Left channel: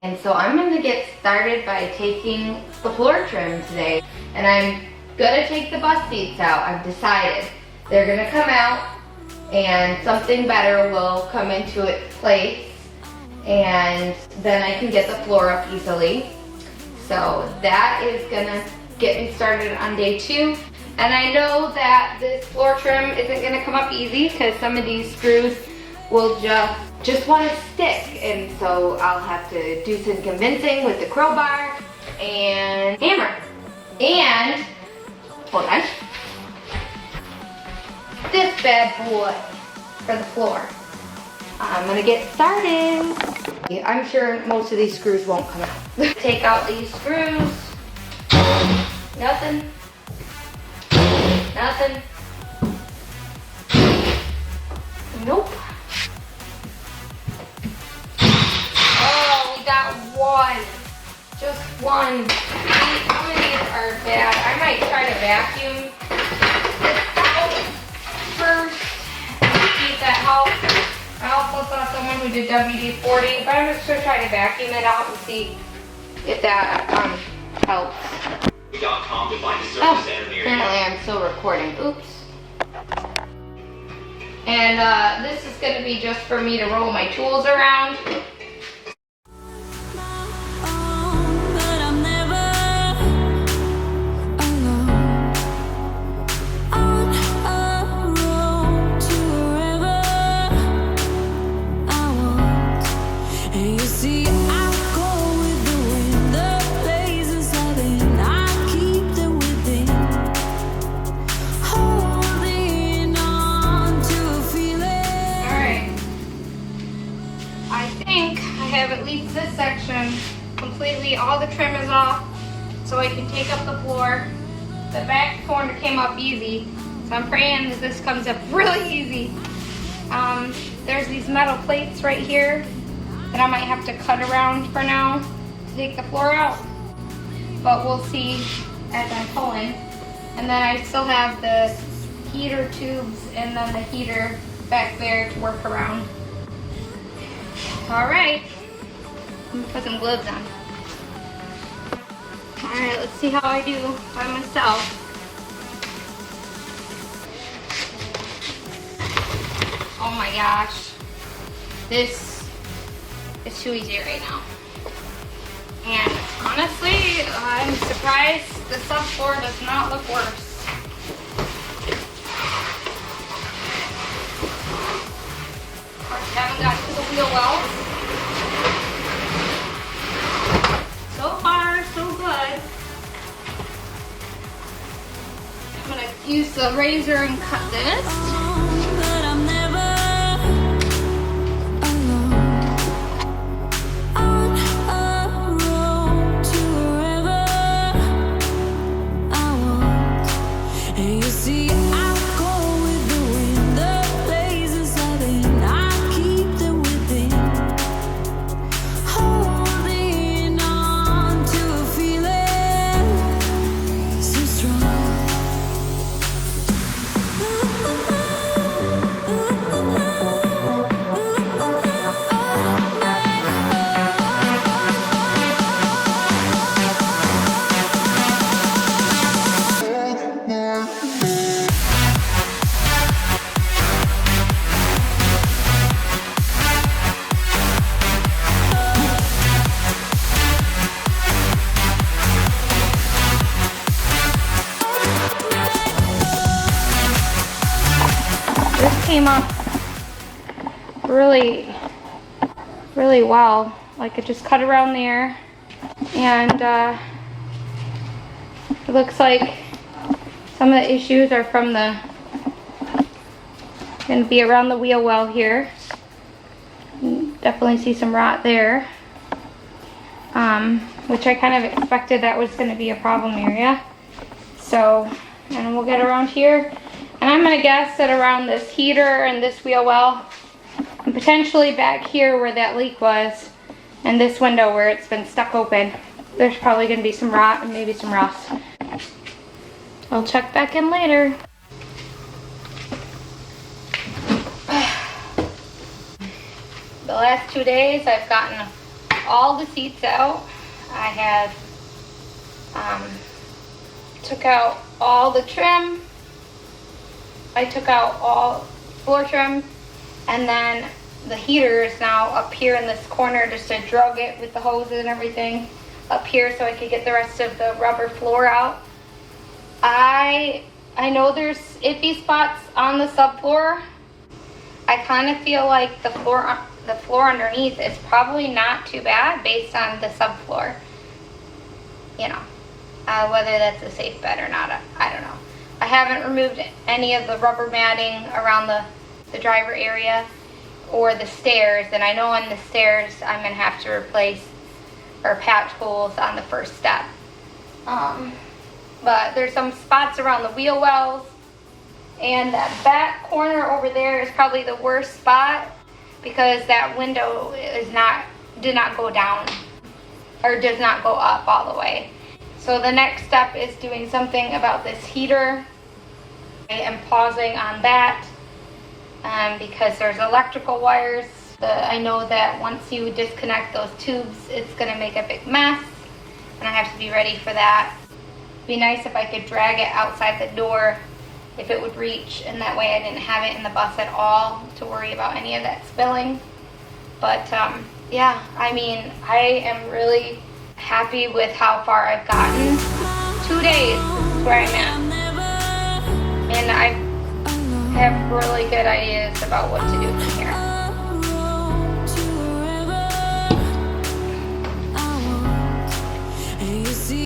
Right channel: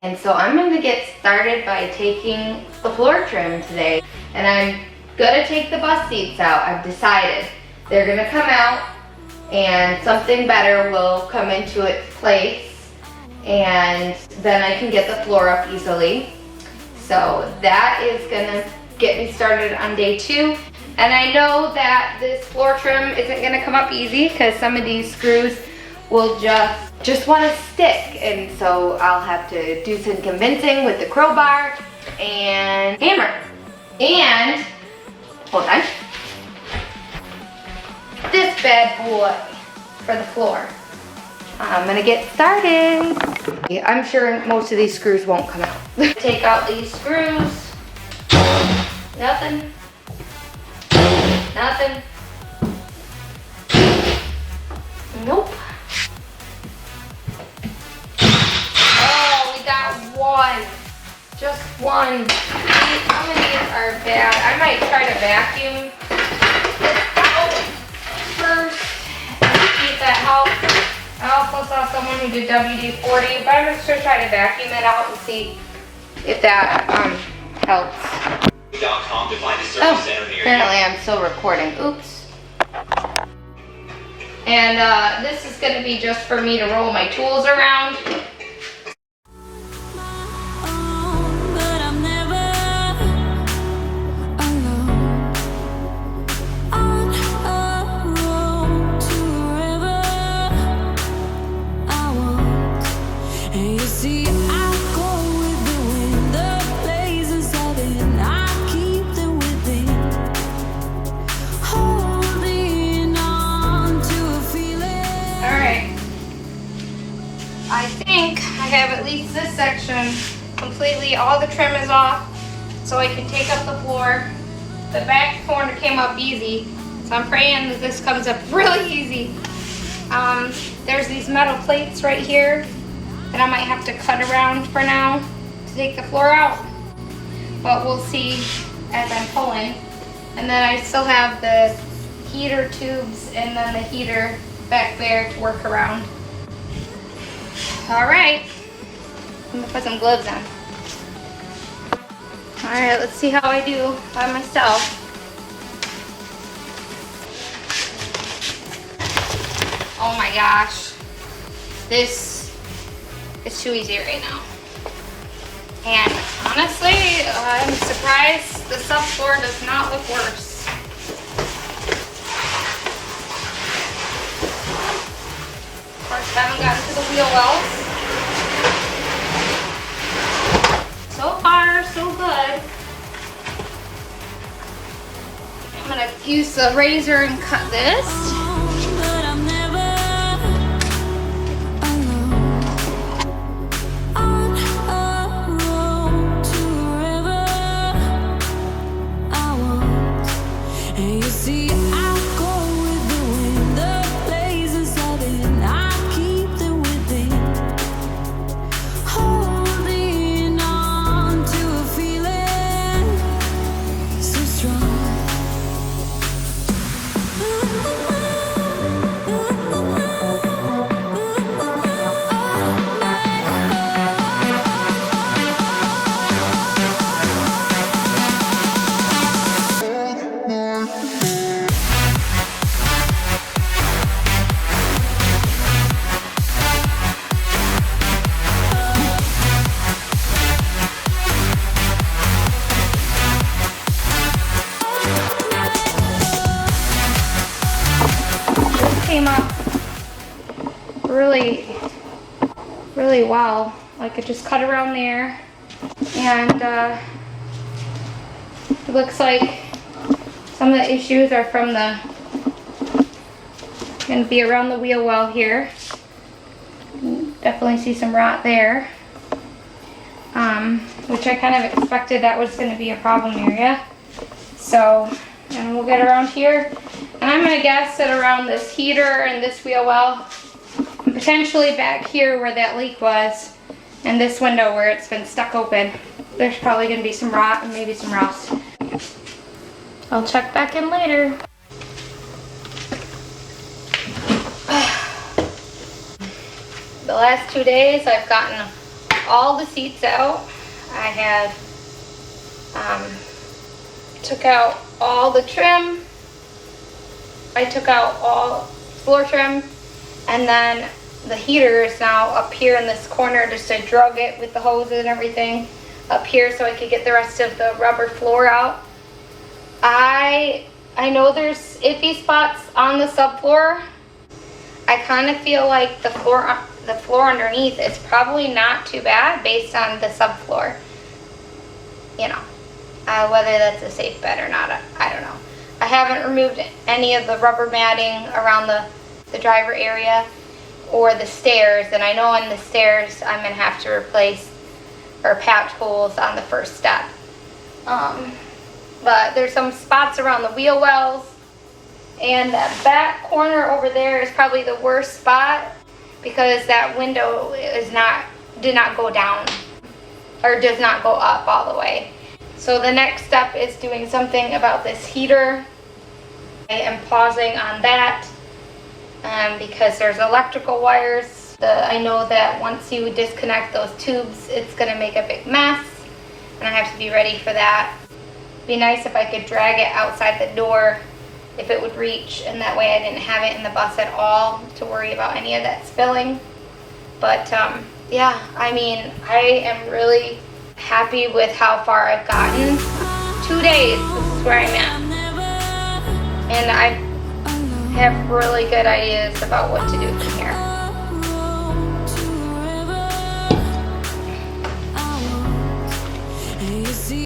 And so I'm going to get started by taking the floor trim today. And I'm going to take the bus seats out. I've decided. They're going to come out and something better will come into its place. And then I can get the floor up easily. So that is going to get me started on day 2. And I know that this floor trim isn't going to come up easy because some of these screws will just want to stick, and so I'll have to do some convincing with the crowbar and hammer. And hold on, this bad boy for the floor. I'm gonna get started. I'm sure most of these screws won't come out. Take out these screws. Nothing. Nothing. Nope. Just one. How many are bad? I might try to vacuum this out first and see if that helps. I also saw someone who did WD-40, but I'm just going to try to vacuum it out and see if that helps. Oh, apparently I'm still recording. Oops. And this is going to be just for me to roll my tools around. This section completely, all the trim is off, so I can take up the floor. The back corner came up easy, so I'm praying that this comes up really easy. There's these metal plates right here that I might have to cut around for now to take the floor out, but we'll see as I'm pulling. And then I still have the heater tubes and then the heater back there to work around. All right. I'm gonna put some gloves on. Alright, let's see how I do by myself. Oh my gosh. This is too easy right now. And honestly, I'm surprised the subfloor does not look worse. First, haven't gotten to the wheel wells. So far, so good. I'm gonna use the razor and cut this. But I'm never alone. On a road to wherever I want. And you see, I go with the wind. The places I've been, I keep them within. Came up really well. Like, I just cut around there, and it looks like some of the issues are from going to be around the wheel well here. Definitely see some rot there, which I kind of expected that was going to be a problem area. So, and we'll get around here. And I'm gonna guess that around this heater and this wheel well, and potentially back here where that leak was, and this window where it's been stuck open, there's probably gonna be some rot and maybe some rust. I'll check back in later. The last 2 days I've gotten all the seats out. I have took out all the trim. I took out all floor trim, and then the heater is now up here in this corner, just to drug it with the hoses and everything up here so I could get the rest of the rubber floor out. I know there's iffy spots on the subfloor. I kind of feel like the floor underneath is probably not too bad based on the subfloor. You know, whether that's a safe bet or not, I don't know. I haven't removed any of the rubber matting around the driver area or the stairs, and I know on the stairs I'm gonna have to replace or patch holes on the first step. But there's some spots around the wheel wells, and that back corner over there is probably the worst spot because that window did not go down or does not go up all the way. So the next step is doing something about this heater. I am pausing on that because there's electrical wires. I know that once you disconnect those tubes, it's gonna make a big mess, and I have to be ready for that. It'd be nice if I could drag it outside the door if it would reach, and that way I didn't have it in the bus at all to worry about any of that spilling. But yeah, I mean, I am really happy with how far I've gotten. 2 days, this is where I'm at. And I have really good ideas about what to do from here.